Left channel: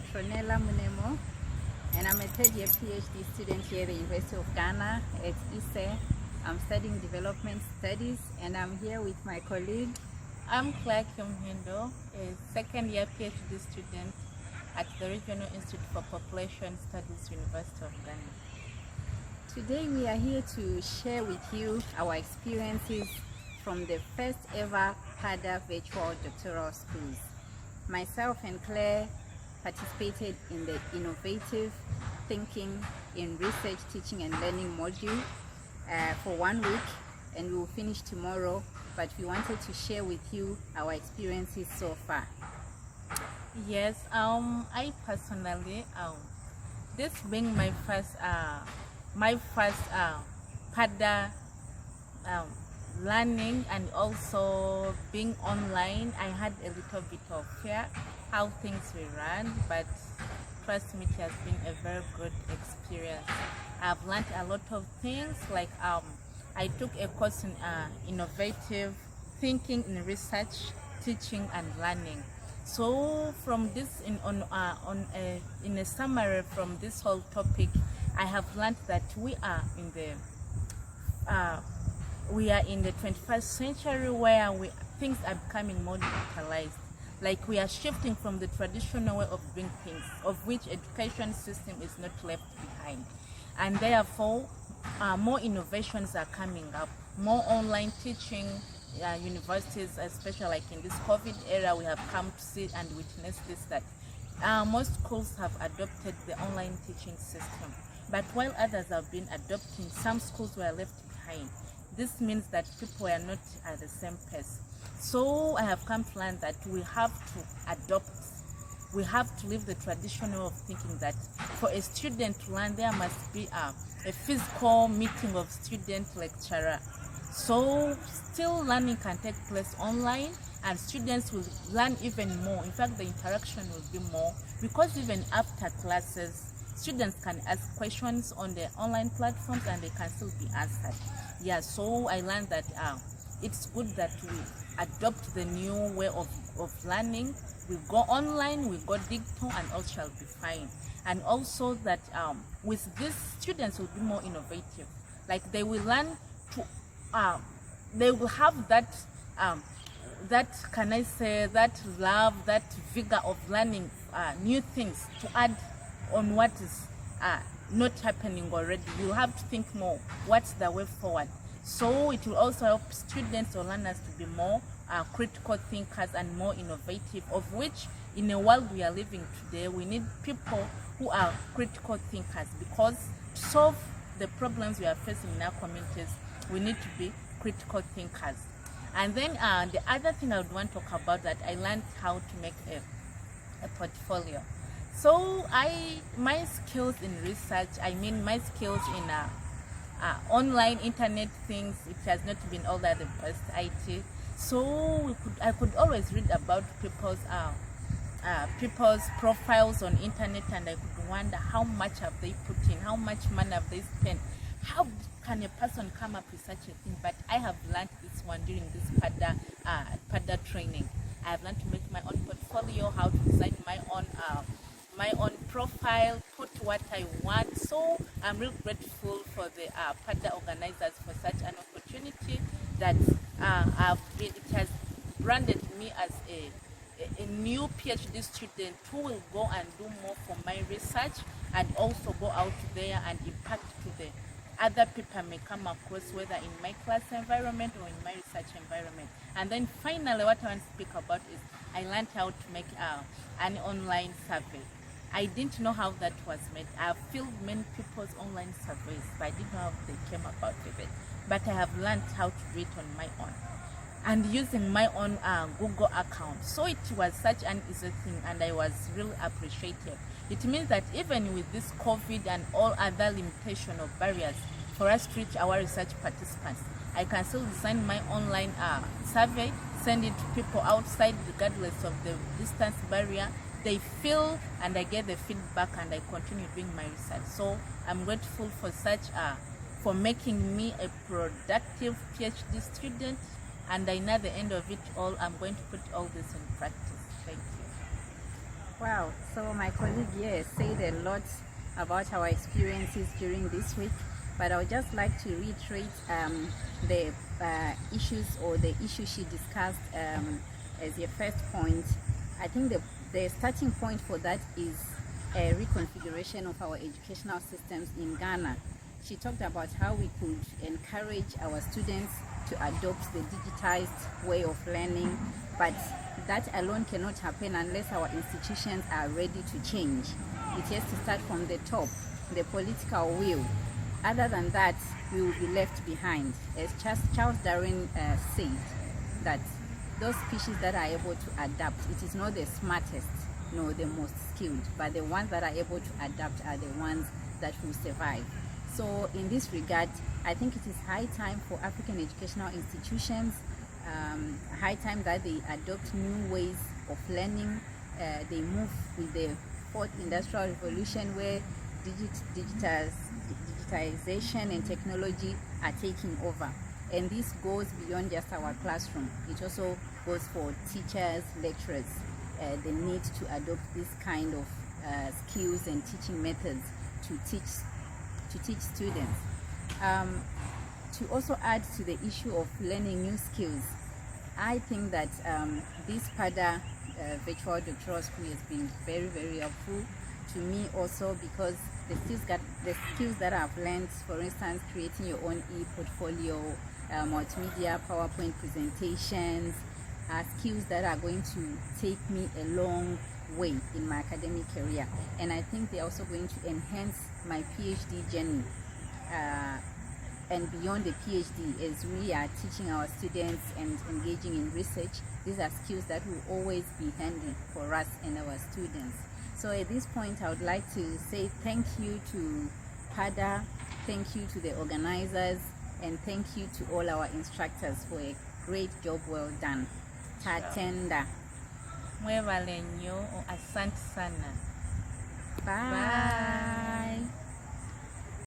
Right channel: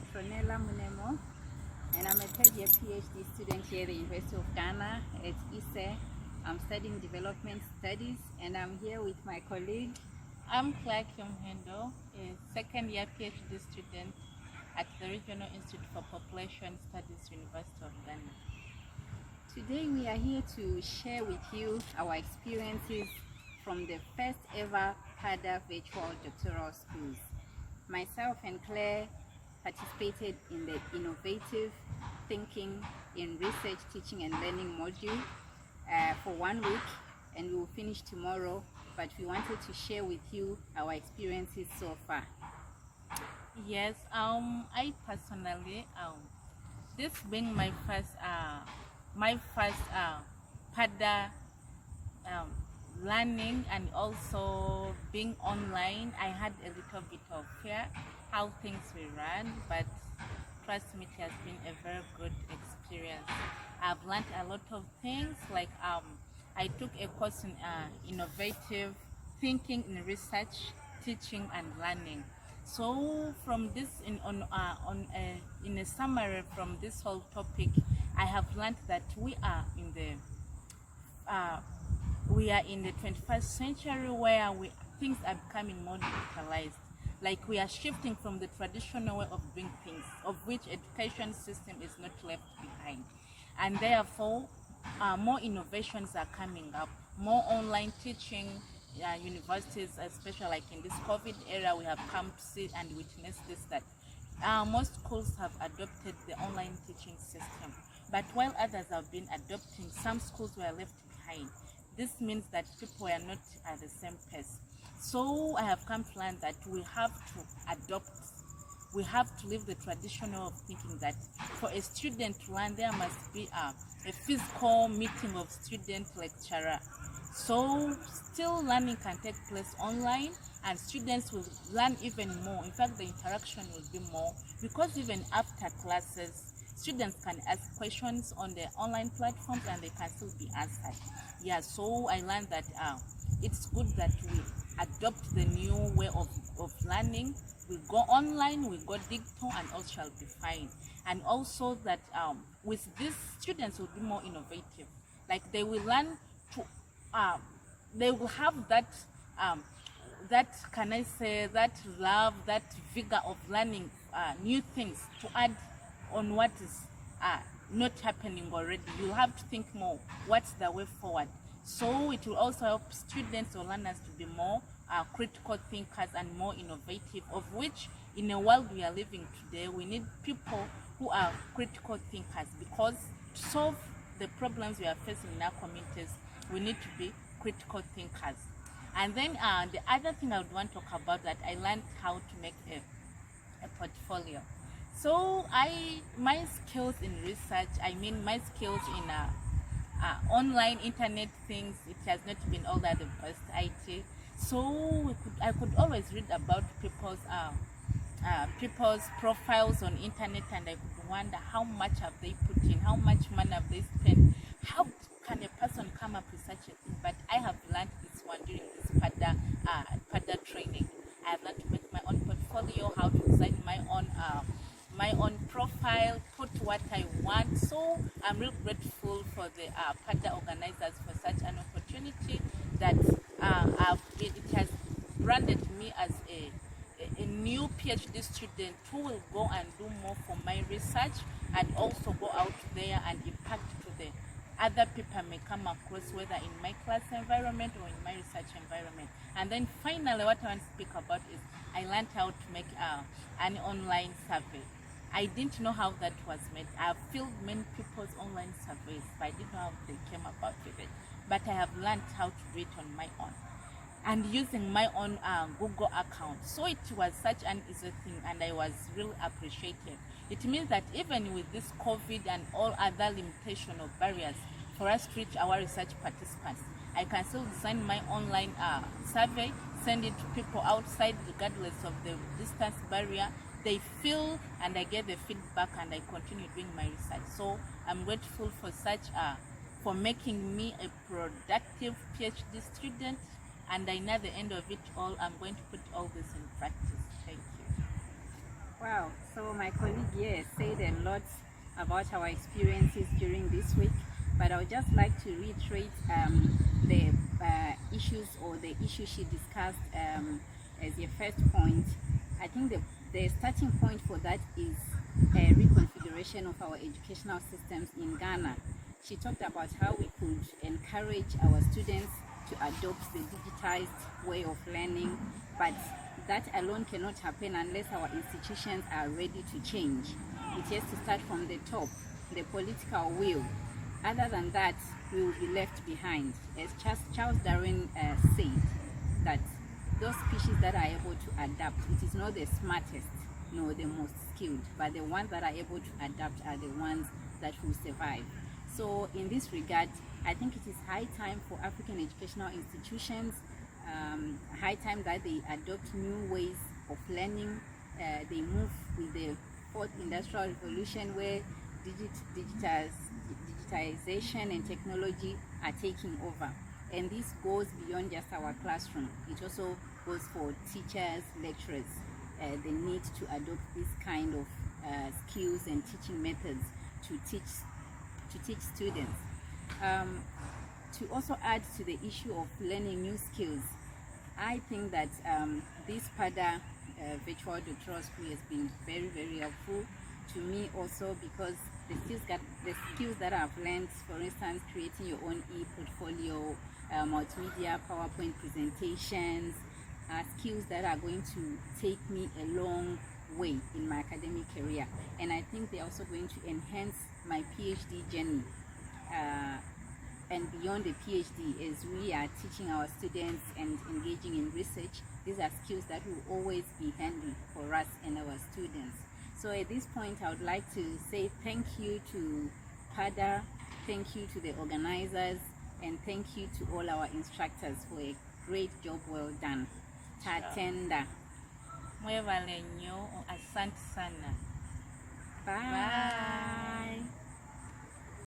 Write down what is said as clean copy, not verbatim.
Petronella Munemo, and I'm a third year PhD student here at the University of Ghana at ISE. I'm studying development studies, and I'm here with my colleague. I'm Clare, a second year PhD student at the Regional Institute for Population Studies, University of Ghana. Today we are here to share with you our experiences from the first ever PADA virtual doctoral schools. Myself and Claire participated in the innovative thinking in research, teaching and learning module for 1 week, and we will finish tomorrow, but we wanted to share with you our experiences so far. Yes, I personally, this being my first PADA learning and also being online, I had a little bit of fear how things will run, but trust me, it has been a very good experience. I've learned a lot of things, like I took a course in innovative thinking in research, teaching and learning. So from this, in a summary from this whole topic, I have learned that we are in the 21st century where things are becoming more digitalized. Like we are shifting from the traditional way of doing things, of which education system is not left behind. And therefore, more innovations are coming up, more online teaching. Universities, especially like in this COVID era, we have come to see and witness this, that most schools have adopted the online teaching system. But while others have been adopting, some schools were left behind. This means that people are not at the same pace. So I have come to learn that we have to adopt, we have to leave the traditional of thinking that for a student to learn, there must be a physical meeting of student-lecturer. So still learning can take place online, and students will learn even more. In fact, the interaction will be more, because even after classes, students can ask questions on the online platforms and they can still be answered. Yeah, so I learned that it's good that we adopt the new way of learning. We go online, we go digital, and all shall be fine. And also that with this, students will be more innovative. Like they will learn to, they will have that can I say, that love, that vigor of learning new things to add on what is not happening already. You have to think more, what's the way forward. So it will also help students or learners to be more critical thinkers and more innovative, of which in the world we are living today, we need people who are critical thinkers, because to solve the problems we are facing in our communities, we need to be critical thinkers. And then the other thing I would want to talk about, that I learned how to make a portfolio. So my skills in research, my skills in online internet things, it has not been all that the best IT. So I could always read about people's profiles on internet, and I could wonder how much have they put in, how much money have they spent, how can a person come up with such a thing. But I have learned this one during this PADA training. I have learned to make my own portfolio, how to design my own profile, put what I want. So I'm really grateful for the PADA organizers for such an opportunity, that it has branded me as a new PhD student who will go and do more for my research, and also go out there and impact to the other people I may come across, whether in my class environment or in my research environment. And then finally, what I want to speak about is I learned how to make an online survey. I didn't know how that was made. I've filled many people's online surveys, but I didn't know how they came about with it. But I have learned how to do it on my own, and using my own Google account. So it was such an easy thing, and I was really appreciated. It means that even with this COVID and all other limitations or barriers for us to reach our research participants, I can still design my online survey, send it to people outside regardless of the distance barrier. They fill and I get the feedback, and I continue doing my research. So I'm grateful for for making me a productive PhD student, and I know at the end of it all, I'm going to put all this in practice. Thank you. Wow, so my colleague here said a lot about our experiences during this week, but I would just like to reiterate the issues or the issue she discussed as your first point. I think the starting point for that is a reconfiguration of our educational systems in Ghana. She talked about how we could encourage our students to adopt the digitized way of learning, but that alone cannot happen unless our institutions are ready to change. It has to start from the top, the political will. Other than that, we will be left behind. As Charles Darwin said, that those species that are able to adapt, it is not the smartest nor the most skilled, but the ones that are able to adapt are the ones that will survive. So in this regard, I think it is high time for African educational institutions, high time that they adopt new ways of learning. They move with the fourth industrial revolution where digitization and technology are taking over. And this goes beyond just our classroom. It also goes for teachers, lecturers. They need to adopt this kind of skills and teaching methods to teach students. To also add to the issue of learning new skills, I think that this PADA virtual doctoral school has been very, very helpful to me also, because the skills that I've learned, for instance, creating your own e-portfolio, multimedia, PowerPoint presentations, are skills that are going to take me a long way in my academic career. And I think they're also going to enhance my PhD journey. And beyond the PhD, as we are teaching our students and engaging in research, these are skills that will always be handy for us and our students. So at this point, I would like to say thank you to PADA, thank you to the organizers, and thank you to all our instructors for a great job well done. Tatenda. Mwevale nnyo, asante sana. Bye.